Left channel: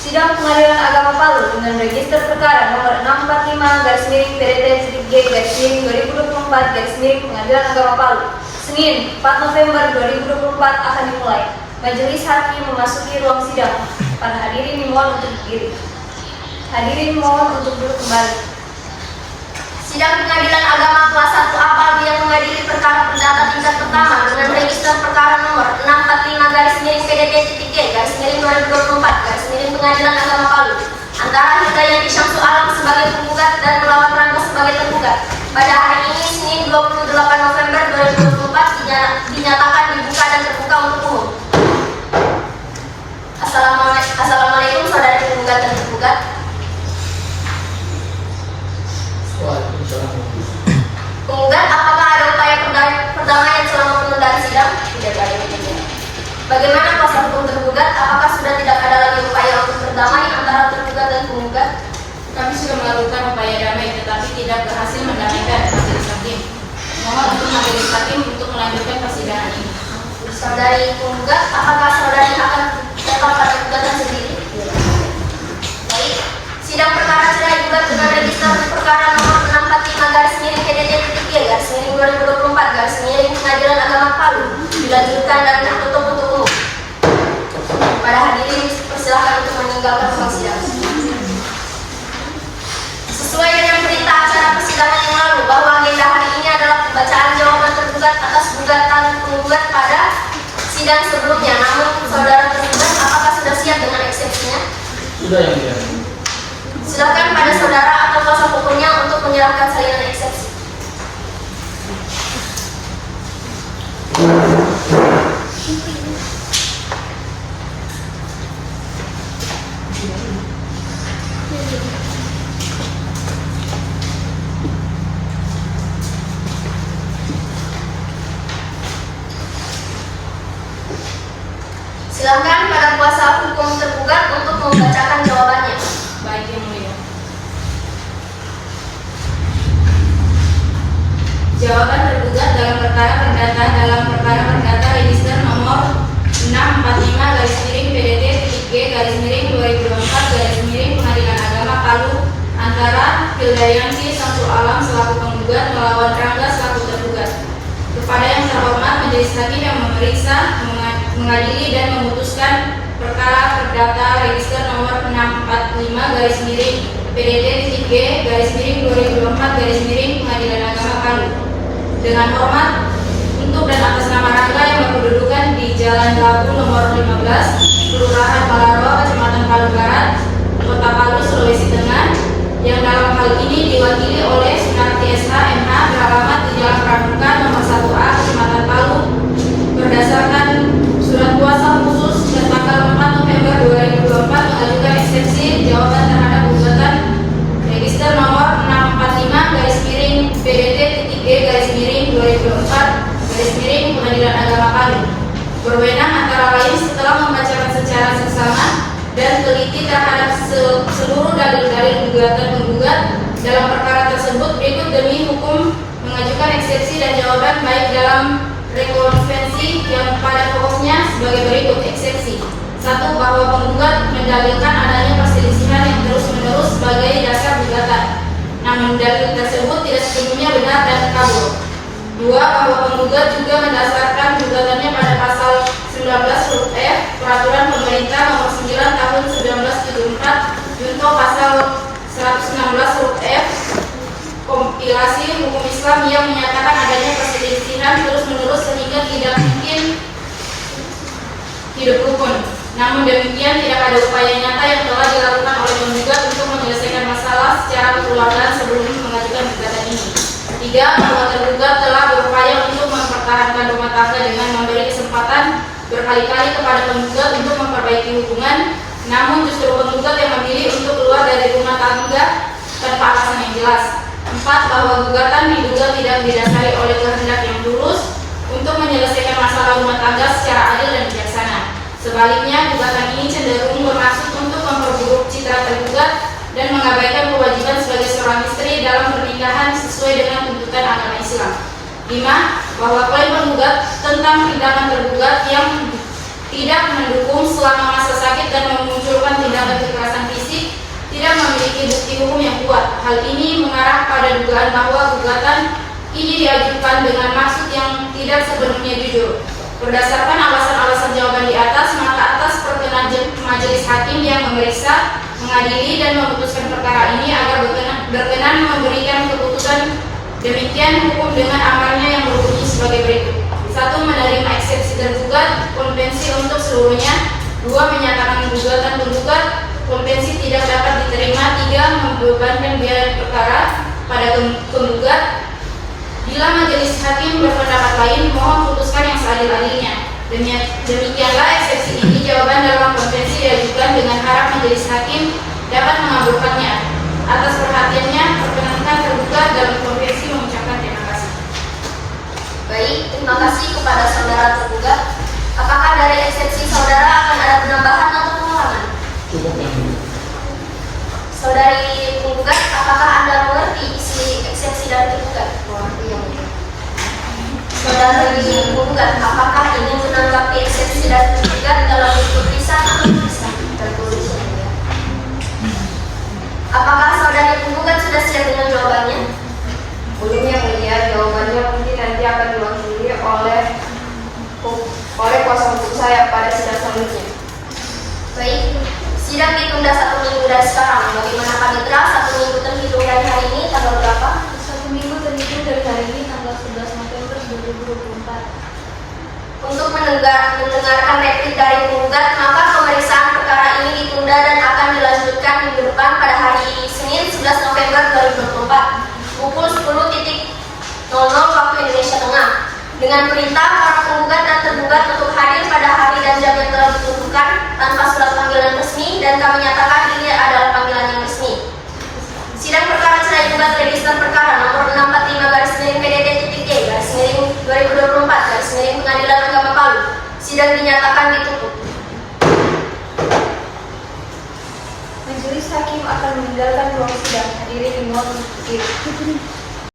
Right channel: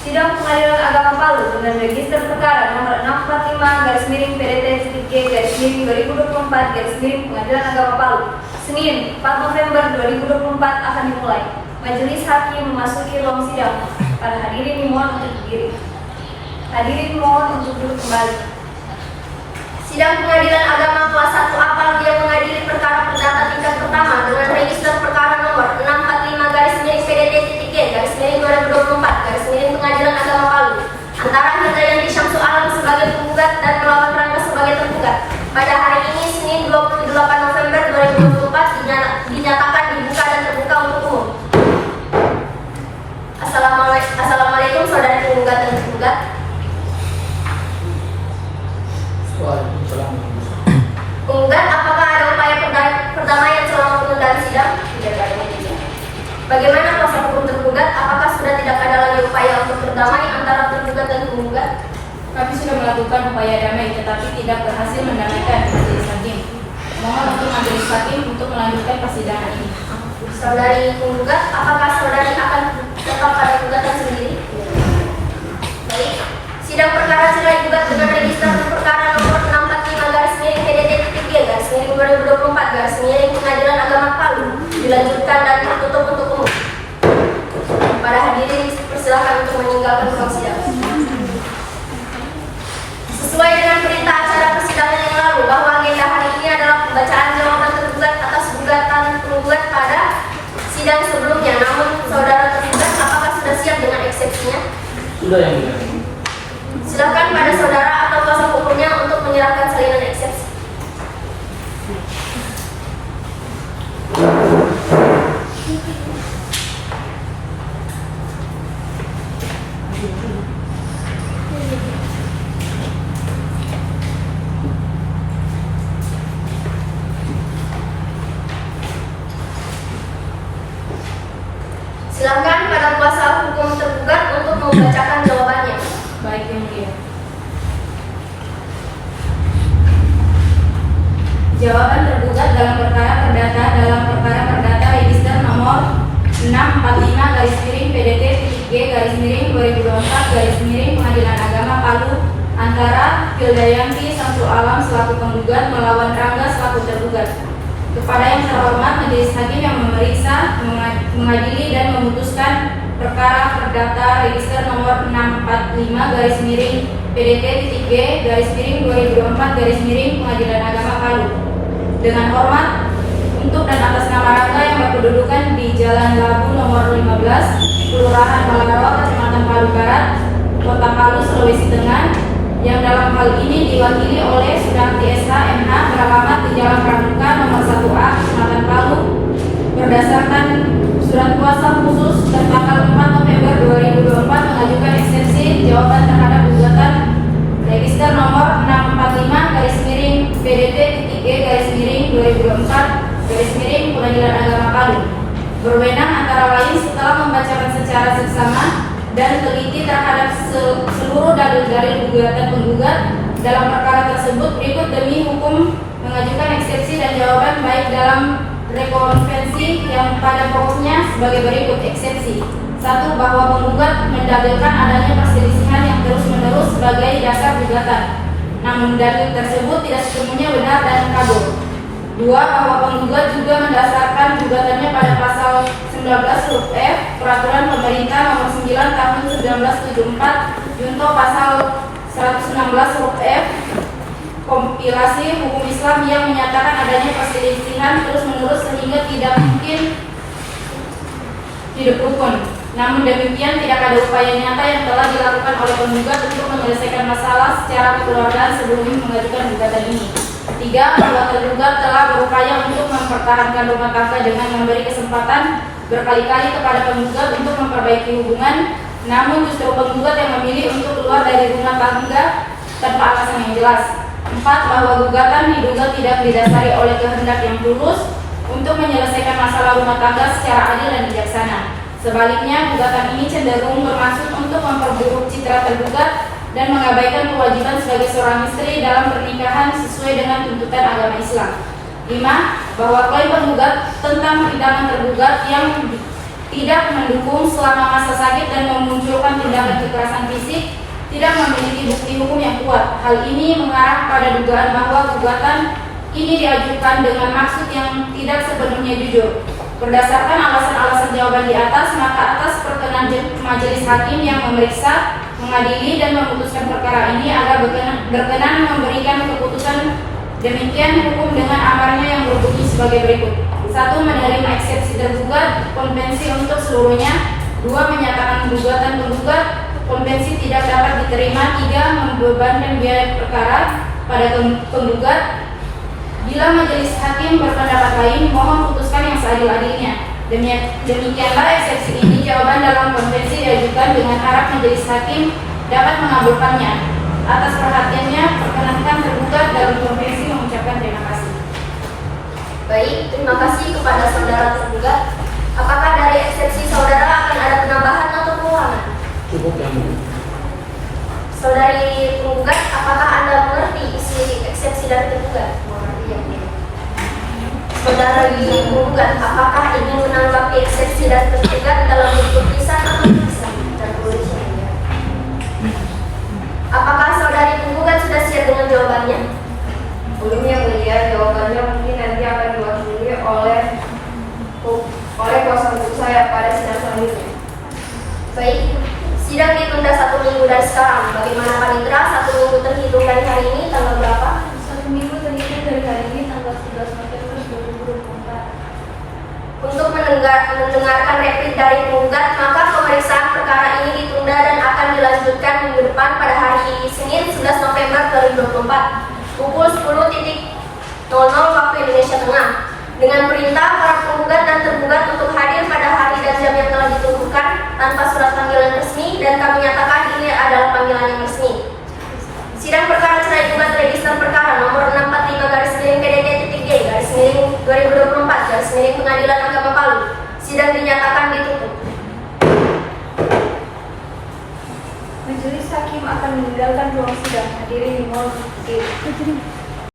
Sidang Pengadilan Agama Palu dengan register perkara nomor 645/PDT/2024 Pengadilan Agama Palu, Senin 4 November 2024 akan dimulai. Majelis Hakim memasuki ruang sidang. Para hadirin dimohon untuk berdiri. Hadirin mohon untuk duduk kembali. Sidang Pengadilan Agama kelas 1 Apabila mengadili perkara perdata tingkat pertama dengan register perkara nomor 645/PDT/2024 Pengadilan Agama Palu antara Hidayati Syamsu Alam sebagai penggugat dan melawan Rangga sebagai tergugat pada hari ini Senin 28 November 2024 dinyatakan dibuka dan terbuka untuk umum. Assalamualaikum saudara penggugat dan tergugat. Penggugat, apakah ada upaya perdamaian selama penundaan sidang? Tidak ada. Bagaimana kuasa hukum tergugat? Apakah sudah tidak ada lagi upaya untuk berdamai antara tergugat dan penggugat? Kami sudah melakukan upaya damai tetapi tidak berhasil mendamaikan majelis hakim. Mohon untuk majelis hakim untuk melanjutkan persidangan ini. Saudari penggugat, apakah saudari akan tetap pada gugatan sendiri? Baik. Sidang perkara cerai gugat dengan register perkara nomor 645/PDT/2024 Pengadilan Agama Palu dilanjutkan dan tertutup untuk umum. Pada hadirin persilakan untuk meninggalkan ruang sidang. Sesuai dengan berita acara persidangan yang lalu bahwa agenda hari ini adalah pembacaan jawaban tergugat atas gugatan penggugat pada sidang sebelumnya. Namun saudara tergugat apakah sudah siap dengan eksepsinya? Sudah, yang mulia. Silakan pada saudara atau kuasa hukumnya untuk menyerahkan salinan eksepsi. Silakan pada kuasa hukum tergugat untuk membacakan jawabannya. Baik, yang mulia. Jawaban tergugat dalam perkara perdata register nomor 645/PDT/G/2024 Pengadilan Agama Palu antara Hidayati Syamsu Alam selaku penggugat melawan Rangga selaku tergugat. Kepada yang terhormat majelis hakim yang memeriksa, mengadili dan memutuskan perkara perdata register nomor 645/PDT/G/2024 Pengadilan Agama Palu. Dengan hormat, untuk dan atas nama Rangga yang berkedudukan di Jalan Labu nomor 15, Kelurahan Malaro, Kecamatan Palu Barat, Kota Palu, Sulawesi Tengah, yang dalam hal ini diwakili oleh Sunarti SH MH beralamat di Jalan Pramuka nomor 1A, Kecamatan Palu, berdasarkan surat kuasa khusus tanggal 4 November 2024 mengajukan eksepsi jawaban terhadap gugatan register nomor 645/PDT/G/2024 Pengadilan Agama Palu. Berwenang antara lain setelah membacakan secara seksama dan teliti terhadap seluruh dalil-dalil gugatan penggugat dalam perkara tersebut berikut demi hukum mengajukan eksepsi dan jawaban baik dalam rekonvensi yang pada pokoknya sebagai berikut. Eksepsi 1. Bahwa penggugat mendalilkan adanya perselisihan yang terus-menerus sebagai dasar gugatan, namun dalil tersebut tidak sepenuhnya benar dan kabur. 2. Bahwa penggugat juga mendasarkan gugatannya pada pasal 19 huruf F Peraturan Pemerintah Nomor 9 Tahun 1974 junto pasal 116 huruf F Kompilasi Hukum Islam yang menyatakan adanya perselisihan terus-menerus sehingga tidak mungkin hidup rukun. Namun demikian tidak ada upaya nyata yang telah dilakukan oleh penggugat untuk menyelesaikan masalah secara kekeluargaan sebelum mengajukan gugatan ini. 3. Bahwa tergugat telah berupaya untuk mempertahankan rumah tangga dengan memberi kesempatan berkali-kali kepada penggugat untuk memperbaiki hubungan, namun justru penggugat yang memilih untuk keluar dari rumah tangga tanpa alasan yang jelas. 4. Bahwa gugatan diduga tidak didasari oleh kehendak yang tulus untuk menyelesaikan masalah rumah tangga secara adil dan bijaksana. Sebaliknya, gugatan ini cenderung bermaksud untuk memperburuk citra tergugat dan mengabaikan kewajiban sebagai seorang istri dalam pernikahan sesuai dengan tuntutan agama Islam. 5. Bahwa klaim penggugat tentang perintangan tergugat yang tidak mendukung selama masa sakit dan memunculkan tindakan kekerasan fisik, tidak memiliki bukti hukum yang kuat. Hal ini mengarah pada dugaan bahwa gugatan ini diajukan dengan maksud yang tidak sepenuhnya jujur. Berdasarkan alasan-alasan jawaban di atas, maka atas perkenan majelis hakim yang memeriksa, mengadili dan memutuskan perkara ini agar berkenan memberikan keputusan demikian hukum dengan amarnya yang berbunyi sebagai berikut. 1. Menerima eksepsi tergugat, konvensi untuk seluruhnya. 2. Menyatakan gugatan penggugat, konvensi tidak dapat diterima. 3. Membebankan biaya perkara pada penggugat. Bila majelis hakim berpendapat lain, mohon putuskan yang seadil-adilnya. Demikianlah eksepsi ini. Jawaban dalam konvensi diajukan dengan harap majelis hakim dapat mengabulkannya. Atas perhatiannya, perkenankan tergugat dalam konvensi mengucapkan terima kasih. Baik, terima kasih kepada saudara tergugat. Apakah dari eksepsi saudara akan ada penambahan atau pengurangan? Cukup yang ini. Saudari penggugat, apakah Anda mengerti isi eksepsi dari tergugat? Saudari penggugat, apakah ingin menanggapi eksepsi dari tergugat dalam bentuk lisan atau tulisan? Apakah saudari penggugat sudah siap dengan jawabannya? Belum yang mulia, jawabannya mungkin nanti akan diwakili oleh kuasa hukum saya pada sidang selanjutnya. Baik, sidang ditunda 1 minggu dari sekarang. Bagaimana panitera? 1 minggu terhitung dari hari ini, tanggal berapa? 1 minggu terhitung dari hari ini, tanggal 11 November 2024. Untuk mendengarkan replik dari penggugat, maka pemeriksaan perkara ini ditunda dan akan dilanjutkan minggu depan pada hari Senin 11 November 2024 pukul 10.00 waktu Indonesia Tengah, dengan perintah para penggugat dan tergugat untuk hadir pada hari dan jam yang telah ditentukan tanpa surat panggilan resmi, dan kami nyatakan ini adalah panggilan yang resmi. Sidang perkara cerai gugat register perkara nomor 645/PDT-J/2024 Pengadilan Agama Palu. Sidang dinyatakan ditutup. Majelis hakim akan meninggalkan ruang sidang. Hadirin dimohon untuk berdiri.